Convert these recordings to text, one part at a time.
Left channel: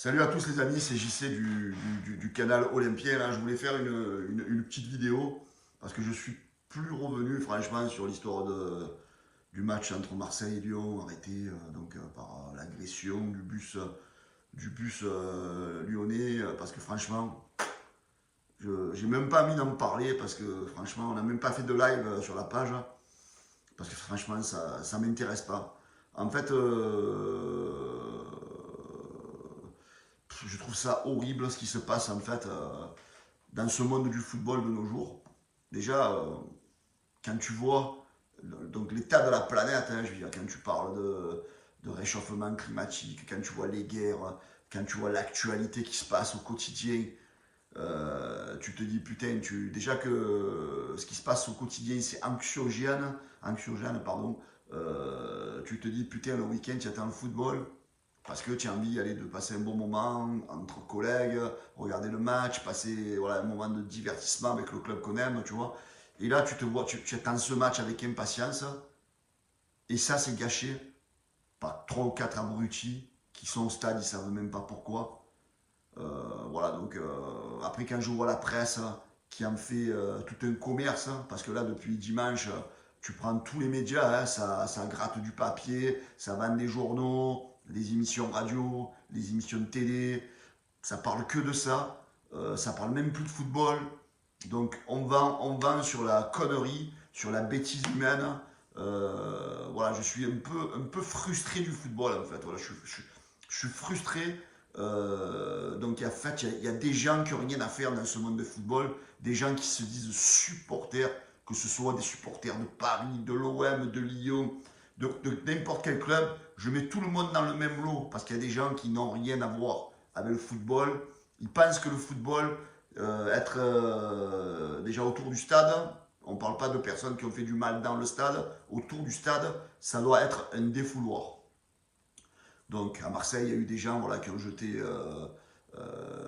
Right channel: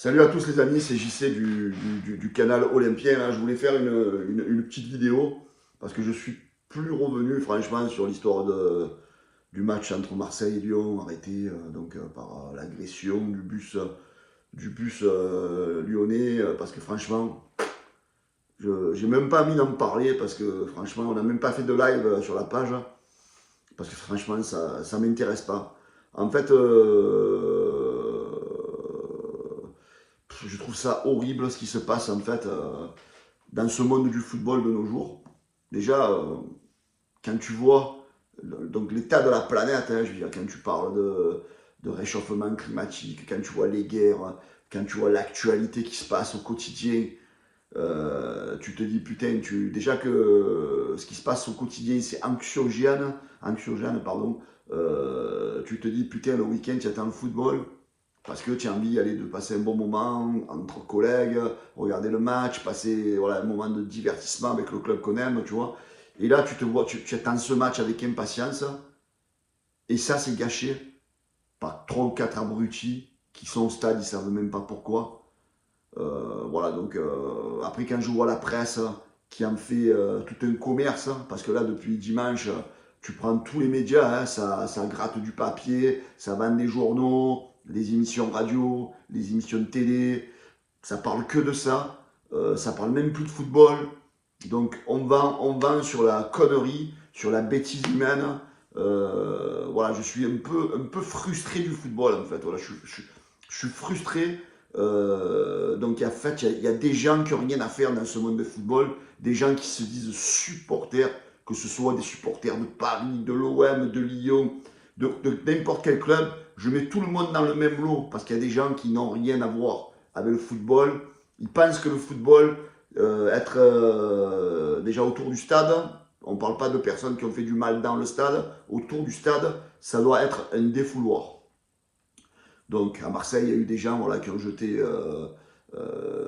Salut à tous les amis, c'est JC du canal Olympien. Là. Je voulais faire une petite vidéo parce que je suis plus revenu franchement sur l'histoire du match entre Marseille et Lyon arrêté par l'agression du bus lyonnais parce que franchement, je n'ai même pas envie d'en parler parce que franchement, on n'a même pas fait de live sur la page parce que franchement, ça ne m'intéresse pas. En fait, je trouve ça horrible ce qui se passe en fait dans ce monde du football de nos jours. Déjà, quand tu vois donc l'état de la planète, hein, je veux dire, quand tu parles de réchauffement climatique, quand tu vois les guerres, quand tu vois l'actualité qui se passe au quotidien, tu te dis putain, déjà que ce qui se passe au quotidien c'est anxiogène pardon. Tu te dis putain le week-end tu attends le football parce que tu as envie de passer un bon moment entre collègues, regarder le match, passer voilà, un moment de divertissement avec le club qu'on aime, tu vois. Et là, tu te vois, tu attends ce match avec impatience, et ça, c'est gâché par 3 ou 4 abrutis qui sont au stade, ils ne savent même pas pourquoi. Voilà, donc après, quand je vois la presse qui en fait tout un commerce, parce que là, depuis dimanche, tu prends tous les médias, hein, ça gratte du papier, ça vend des journaux, des émissions radio, des émissions de télé, ça parle que de ça, ça parle même plus de football. Donc on vend sur la connerie, sur la bêtise humaine. Voilà, je suis un peu frustré du football en fait. Voilà, je suis frustré. Donc en fait, il y a des gens qui n'ont rien à faire dans ce monde de football, des gens qui se disent supporters, que ce soit des supporters de Paris, de l'OM, de Lyon, de n'importe quel club. Je mets tout le monde dans le même lot parce qu'il y a des gens qui n'ont rien à voir avec le football. Ils pensent que le football, être déjà autour du stade, on ne parle pas de personnes qui ont fait du mal dans le stade, autour du stade, ça doit être un défouloir. Donc à Marseille, il y a eu des gens voilà, qui ont jeté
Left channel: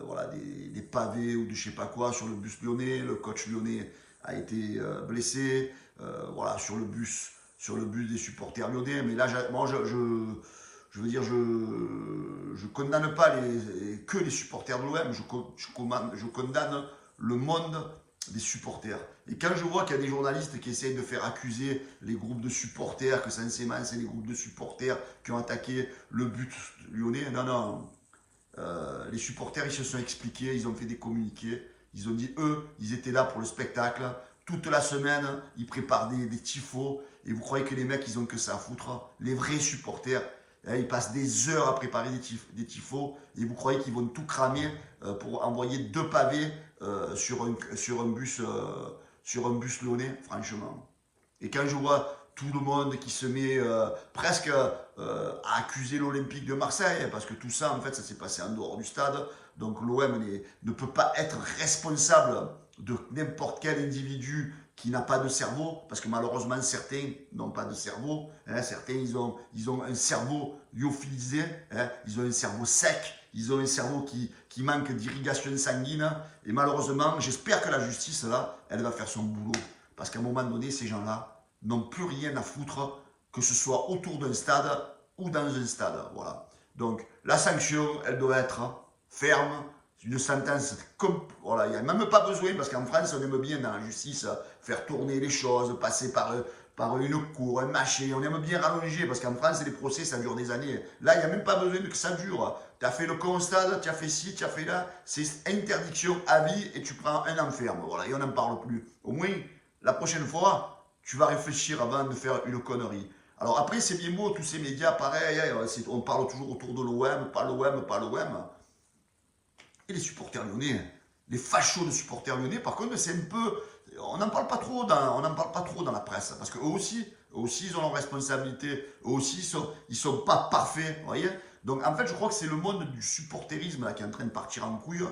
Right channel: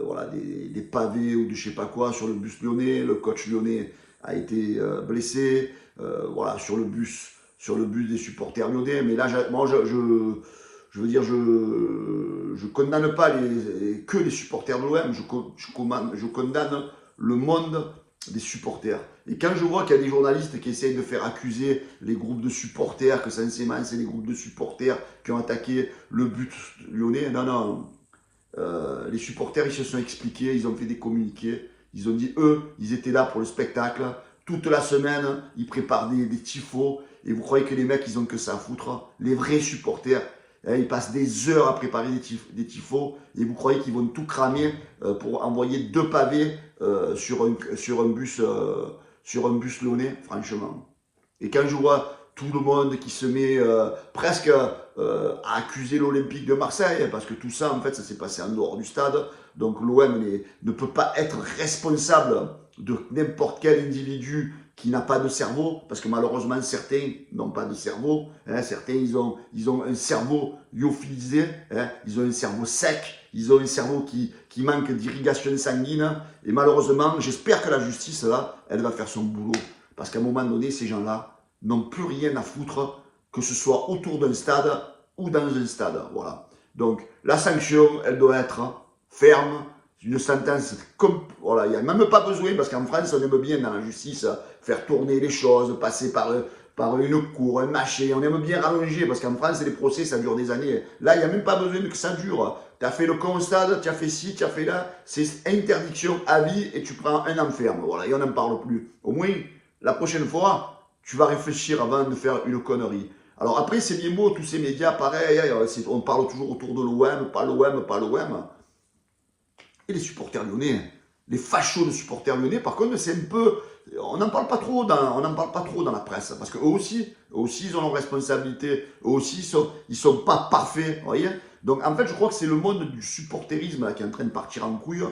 voilà, des pavés ou de je sais pas quoi sur le bus lyonnais. Le coach lyonnais a été blessé voilà, sur le bus des supporters lyonnais. Mais là, moi, je veux dire, je condamne pas que les supporters de l'OM, je condamne le monde des supporters. Et quand je vois qu'il y a des journalistes qui essayent de faire accuser les groupes de supporters, que censément c'est les groupes de supporters qui ont attaqué le but lyonnais, non, non. Les supporters, ils se sont expliqués, ils ont fait des communiqués, ils ont dit, eux, ils étaient là pour le spectacle. Toute la semaine, ils préparent des tifos. Et vous croyez que les mecs, ils ont que ça à foutre? Les vrais supporters, hein, ils passent des heures à préparer des tifos. Et vous croyez qu'ils vont tout cramer pour envoyer 2 pavés sur un bus lyonnais, franchement. Et quand je vois tout le monde qui se met presque à accuser l'Olympique de Marseille, parce que tout ça, en fait, ça s'est passé en dehors du stade. Donc l'OM ne peut pas être responsable de n'importe quel individu qui n'a pas de cerveau, parce que malheureusement, certains n'ont pas de cerveau. Hein, certains, ils ont un cerveau lyophilisé, hein, ils ont un cerveau sec, ils ont un cerveau qui manque d'irrigation sanguine. Et malheureusement, j'espère que la justice, là, elle va faire son boulot. Parce qu'à un moment donné, ces gens-là n'ont plus rien à foutre, que ce soit autour d'un stade ou dans un stade. Voilà. Donc, la sanction, elle doit être ferme, une sentence comme. Voilà, il n'y a même pas besoin, parce qu'en France, on aime bien dans la justice faire tourner les choses, passer par une cour, un machin. On aime bien rallonger, parce qu'en France, les procès, ça dure des années. Là, il n'y a même pas besoin que ça dure. Tu as fait le con au stade, tu as fait ci, tu as fait là. C'est interdiction à vie et tu prends un enferme. Voilà, et on n'en parle plus. Au moins, la prochaine fois, tu vas réfléchir avant de faire une connerie. Alors après, c'est bien beau, tous ces médias, pareil, hein, on parle toujours autour de l'OM, pas l'OM, pas l'OM. Et les supporters lyonnais, les fachos de supporters lyonnais, par contre, c'est un peu. On n'en parle pas trop dans la presse, parce qu'eux aussi, ils ont leurs responsabilités, eux aussi, ils sont pas parfaits, vous voyez. Donc, en fait, je crois que c'est le monde du supporterisme là, qui est en train de partir en couille.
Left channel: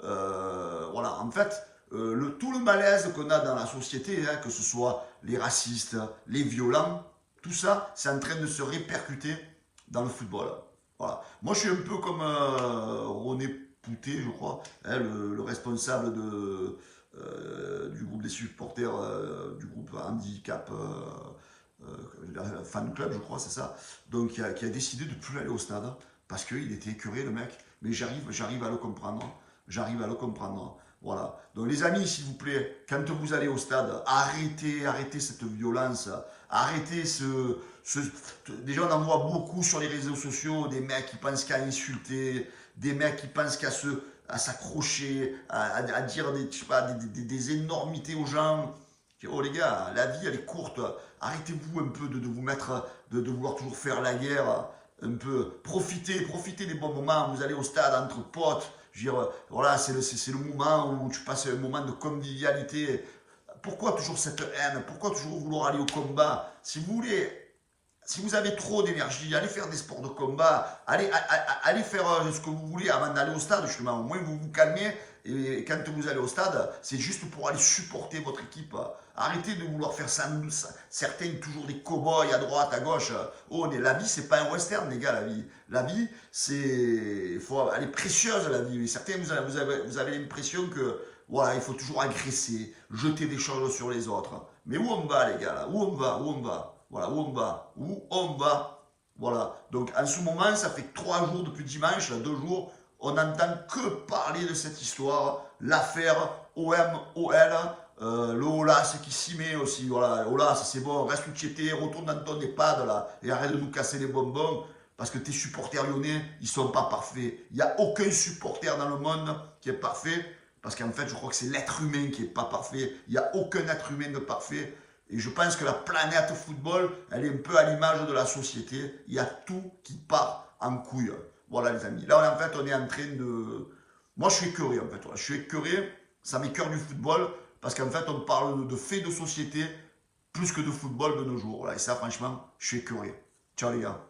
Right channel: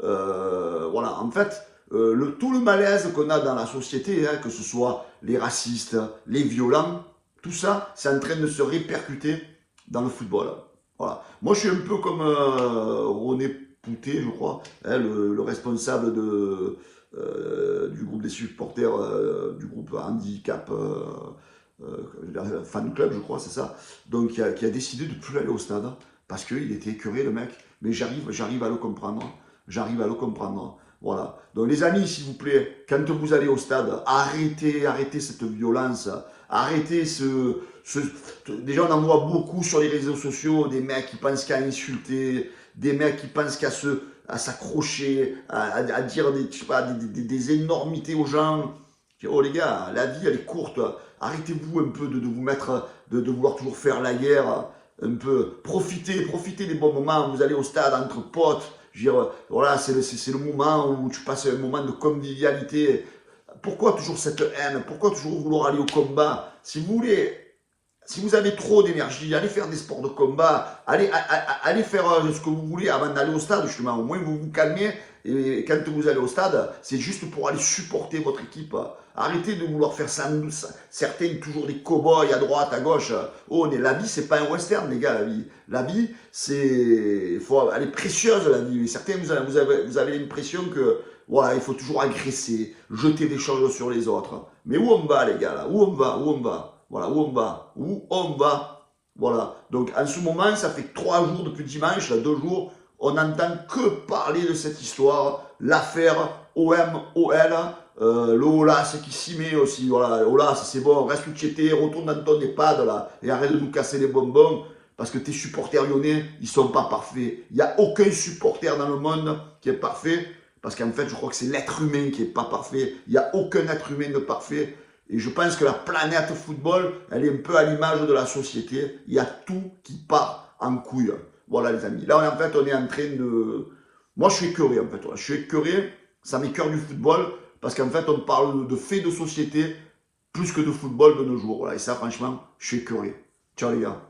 Voilà, en fait, tout le malaise qu'on a dans la société, hein, que ce soit les racistes, les violents, tout ça, c'est en train de se répercuter dans le football. Voilà. Moi, je suis un peu comme René Poutet, je crois, hein, le responsable du groupe des supporters, du groupe handicap fan club, je crois, c'est ça. Donc, qui a décidé de ne plus aller au stade Parce qu'il était écœuré, le mec. Mais j'arrive à le comprendre. J'arrive à le comprendre. Voilà. Donc les amis, s'il vous plaît, quand vous allez au stade, arrêtez cette violence. Arrêtez Déjà, on en voit beaucoup sur les réseaux sociaux, des mecs qui pensent qu'à insulter, des mecs qui pensent à s'accrocher, à dire je sais pas, des énormités aux gens. Oh les gars, la vie elle est courte. Arrêtez-vous un peu de vous mettre, de vouloir toujours faire la guerre. Un peu, profitez des bons moments. Vous allez au stade entre potes. Je veux dire, voilà, c'est le moment où tu passes un moment de convivialité. Pourquoi toujours cette haine? Pourquoi toujours vouloir aller au combat? Si vous voulez, si vous avez trop d'énergie, allez faire des sports de combat, allez faire ce que vous voulez avant d'aller au stade, justement. Au moins, vous vous calmez. Et quand vous allez au stade, c'est juste pour aller supporter votre équipe. Arrêtez de vouloir faire ça, certains toujours des cow-boys à droite, à gauche. Oh, la vie, c'est pas un western, les gars, la vie. La vie, elle est précieuse, la vie. Certains, vous avez l'impression que, voilà, il faut toujours agresser, jeter des choses sur les autres. Mais où on va, les gars, là? Où on va? Où on va? Voilà, où on va? Où on va? Voilà. Donc, en ce moment, ça fait 3 jours depuis dimanche, là, 2 jours, on n'entend que parler de cette histoire, l'affaire OM-OL, le Olas qui s'y met aussi. Voilà, Olas, c'est bon, reste où tu étais, retourne dans ton EHPAD, là, et arrête de nous casser les bonbons, parce que tes supporters lyonnais, ils ne sont pas parfaits. Il n'y a aucun supporter dans le monde qui est parfait, parce qu'en fait, je crois que c'est l'être humain qui n'est pas parfait. Il n'y a aucun être humain de parfait. Et je pense que la planète football, elle est un peu à l'image de la société. Il y a tout qui part en couille. Voilà les amis. Là, en fait, on est en train de... Moi, je suis écœuré, en fait. Voilà. Je suis écœuré, ça m'écœure du football, parce qu'en fait, on parle de faits de société plus que de football de nos jours. Voilà. Et ça, franchement, je suis écœuré. Ciao les gars.